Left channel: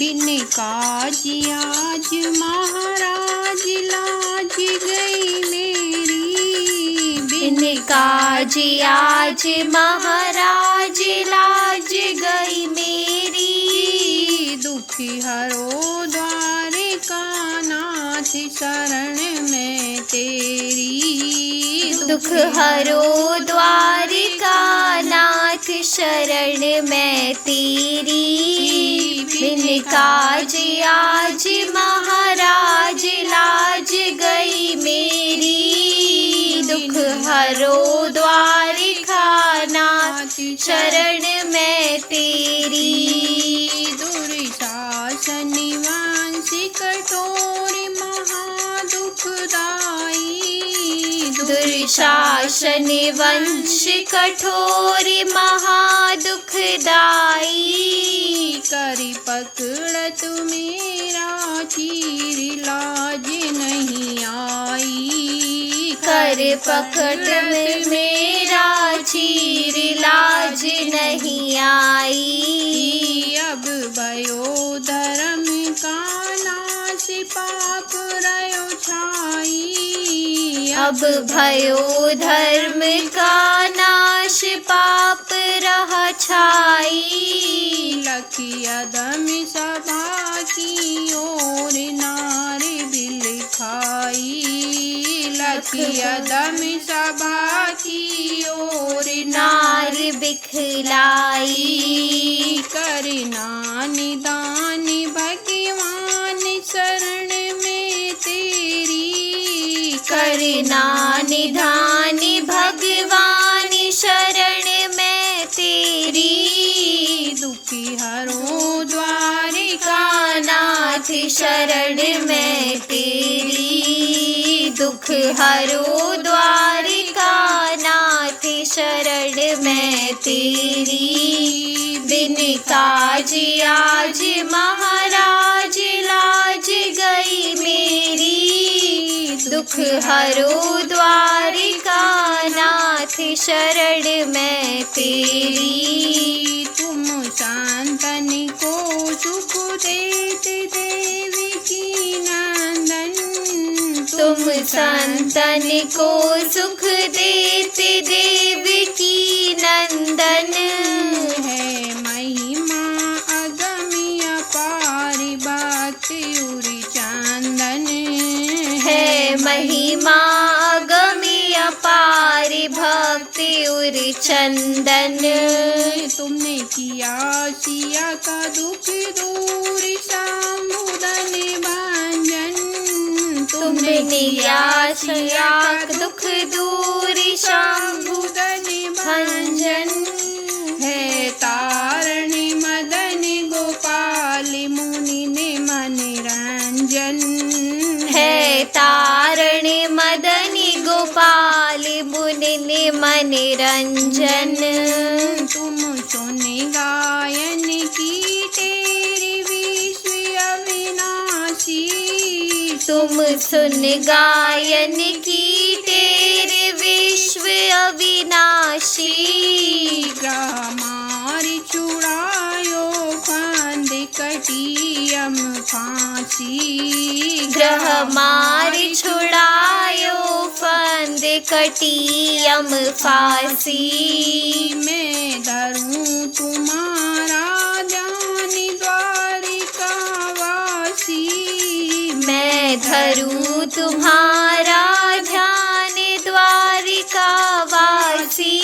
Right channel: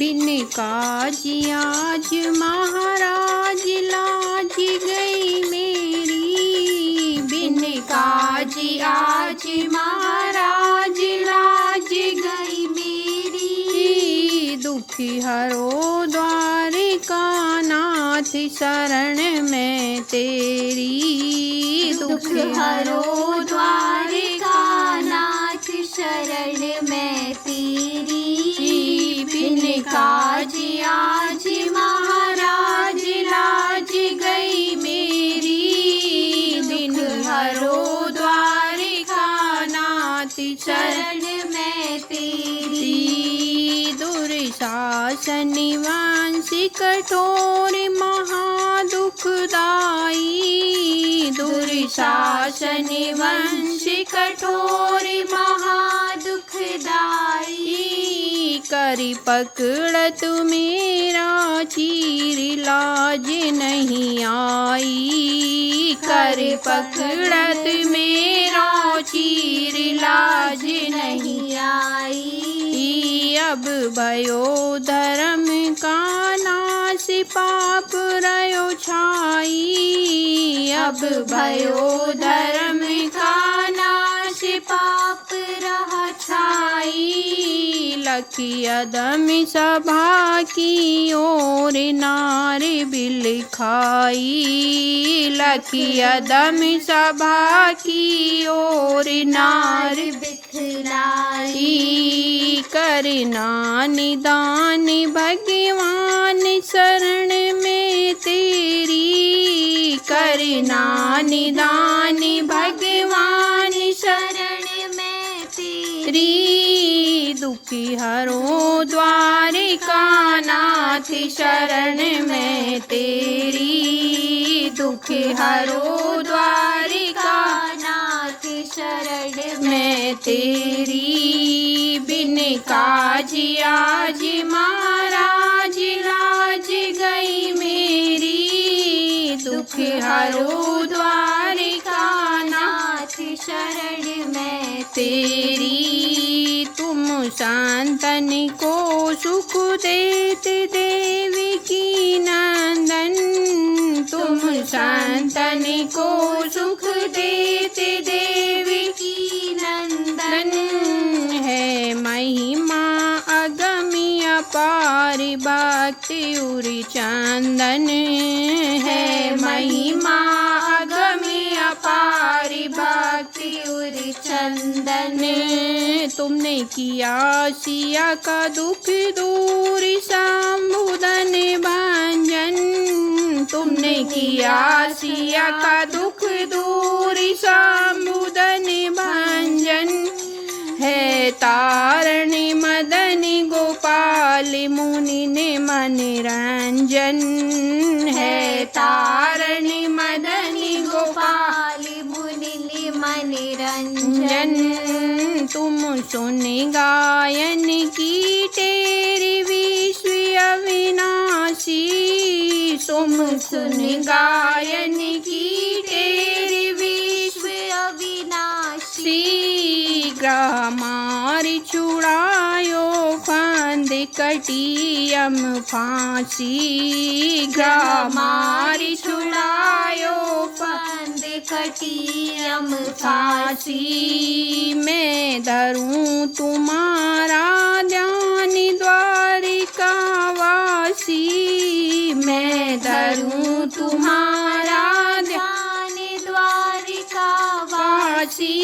बिन काज आज महाराज लाज गई मेरी। बिन काज आज महाराज लाज गई मेरी। दुखी हरो द्वारिका नाथ शरण में तेरी। दुख हरो द्वारिका नाथ शरण में तेरी। बिन काज आज महाराज लाज गई मेरी। दुख हरो द्वारिका नाथ शरण में तेरी। दुर्शासन वंश कठोर महादुखदाई। दुर्शासन वंश कठोर महादुखदाई। करी पकड़त मेरा चीर लाज नहीं आई। कर पकड़त मेरा चीर लाज नहीं आई। अब भयो धर्म का नाश पाप रयो छाई। अब भयो धर्म का नाश पाप रह छाई। लखी अदम सभा की ओर नार बिल खाई। लखी अदम सभा की ओर नार बिखलाई। करना निदान भगवान शरण में तेरी। करना निधान भगवान शरण में तेरी। दुखी हरो द्वारिका नाथ शरण में तेरी। दुख हरो द्वारिका नाथ शरण में तेरी। बिन काज आज महाराज लाज गई मेरी। दुख हरो द्वारिका नाथ शरण में तेरी। तुम संतन को सुख देते देवी की नंदन। तुम संतन को सुख देते देवी की नंदन। है महिमा अगम्य अपार भक्ति उरि चंदन। है महिमा अगम्य अपार भक्ति उरि चंदन। तुमने किया सिया का दुख दूर समुदन भंजन। तुमने किया सिया का दुख दूर समुदन भंजन। है तारण मदन गोपाल मुनि ने मन रंजन। है तारण मदन गोपाल मुनि ने मन रंजन। तुम सुन गायन की तेरी विश्व अविनाशी। तुम सुन गायन की तेरे विश्व अविनाशी। ग्रह मार छुड़ायो फंद कटियम फांसी। ग्रह मार छुड़ायो फंद कटियम फांसी। मैं धरूं तुम्हारा ध्यान द्वारिका वासी। मैं धरूं तुम्हारा ध्यान द्वारिका वासी।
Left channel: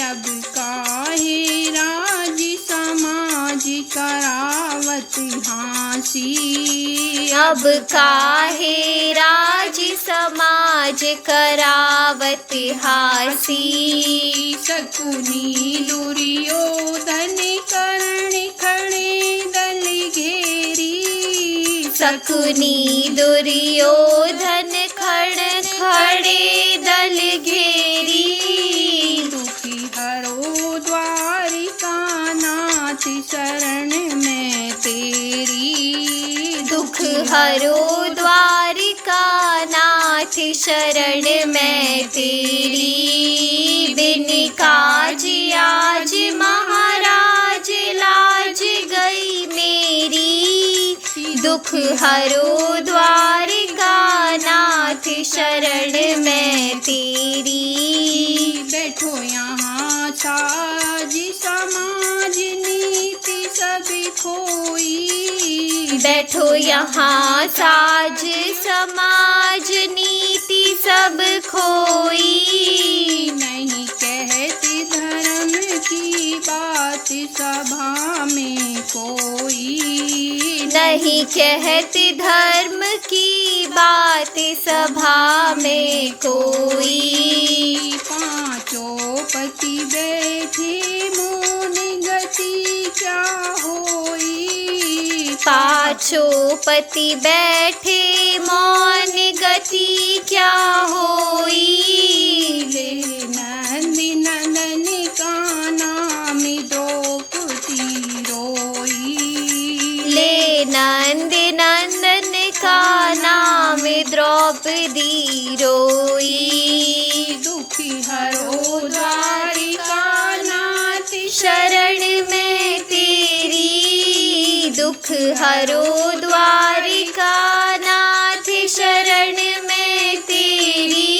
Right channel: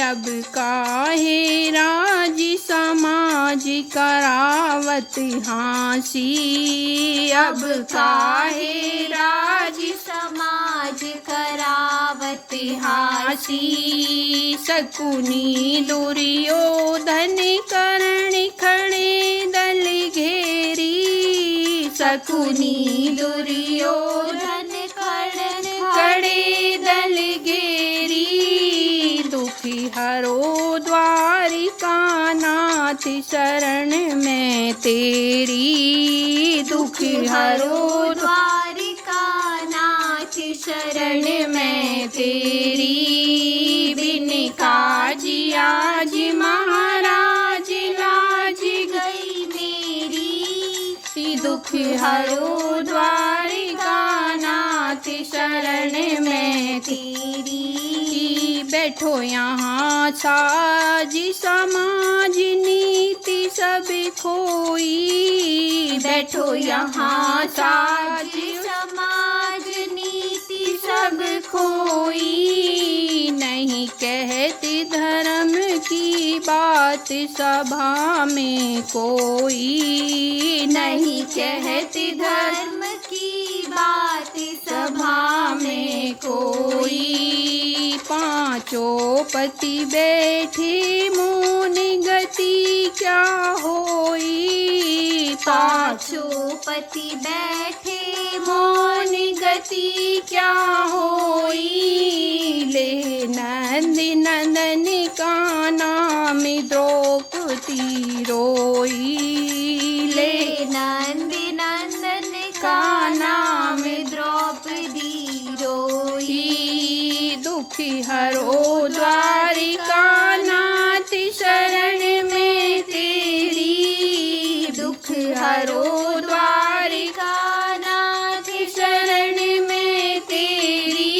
अब काहे राज समाज करावत हासी। अब काहे राज समाज करावत हासी। शकुनी दुर्योधन कर्ण खड़े दल घेरी। शकुनी दुर्योधन खड़े दल घेरी। दुखी हरो द्वारिका नाथ शरण में तेरी। दुख हरो द्वारिका नाथ शरण में तेरी। बिन काज आज महाराज लाज गई मेरी। हरो द्वारिका नाथ शरण में तेरी। बैठो यहाँ साज समाज नीति सब खोई। बैठो यहाँ साज समाज नीति सब खोई। नहीं कहती धर्म की बात सभा में कोई। नहीं कहते धर्म की बात सभा में कोई। पांचों पति बैठे मौन गति क्या होई। पांचों पति बैठे मौन गति क्या होई। ले नंद नंदन का नाम द्रौपदी रोई। ले नंद नंदन का नाम द्रौपदी रोई। दुखी हरो द्वारिका नाथ शरण में तेरी। दुख हरो द्वारिका नाथ शरण में तेरी।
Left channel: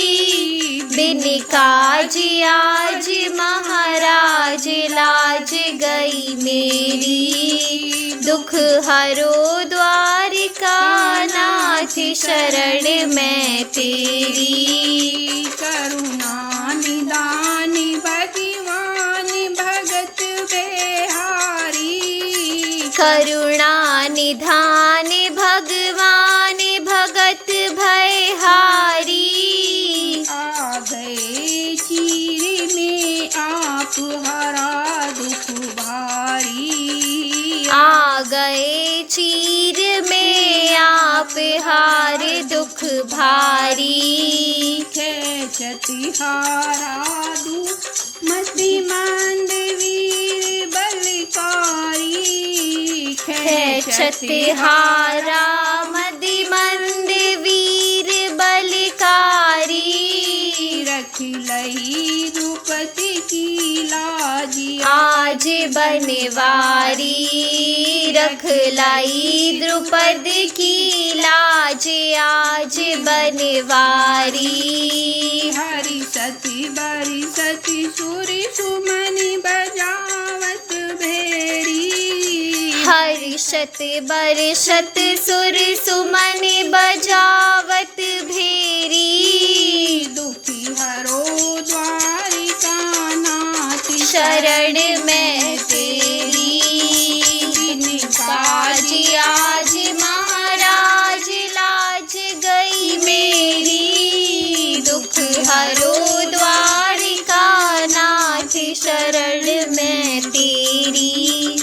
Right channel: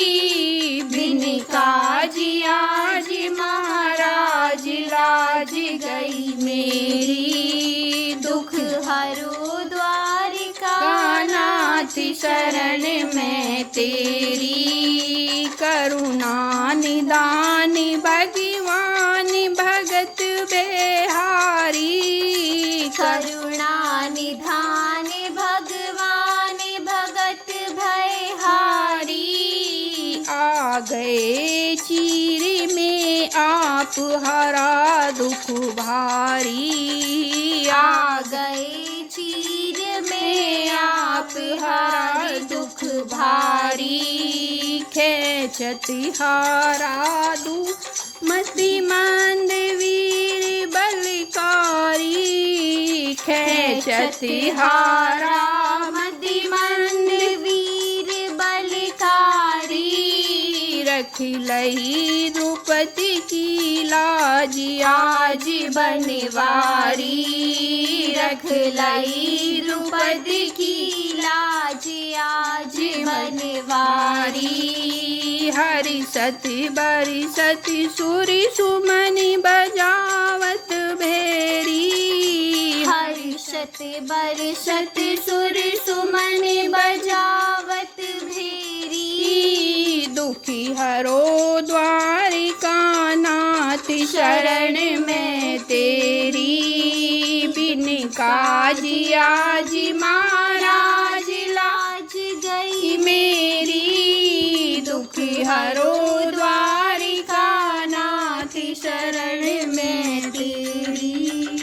बिन काज आज महाराज लाज गई मेरी। दुख हरो द्वारिका नाथ शरण में तेरी। करुणा निदान भगवान भगत बेहारी। करुणा निधान भगवान भगत भयहारी। आ गए चीर में आप हरा दुख भारी। आ गए चीर में आप हार दुख भारी। खेचति हारा दू मति मंद वीर बलकारी। खेचति हारा मति मंद वीर बलकारी। रखी लई द्रुपति की लाज आज बनवारी। रख लाई द्रुपद की लाज आज बनवारी। हरि सती बरि सती सुरी सुमनि बजावत भेरी। हर्षत बरषत सुर सुमन बजावत भेरी। दुखी हरो द्वारिका नाथ शरण में तेरी। बिन काज आज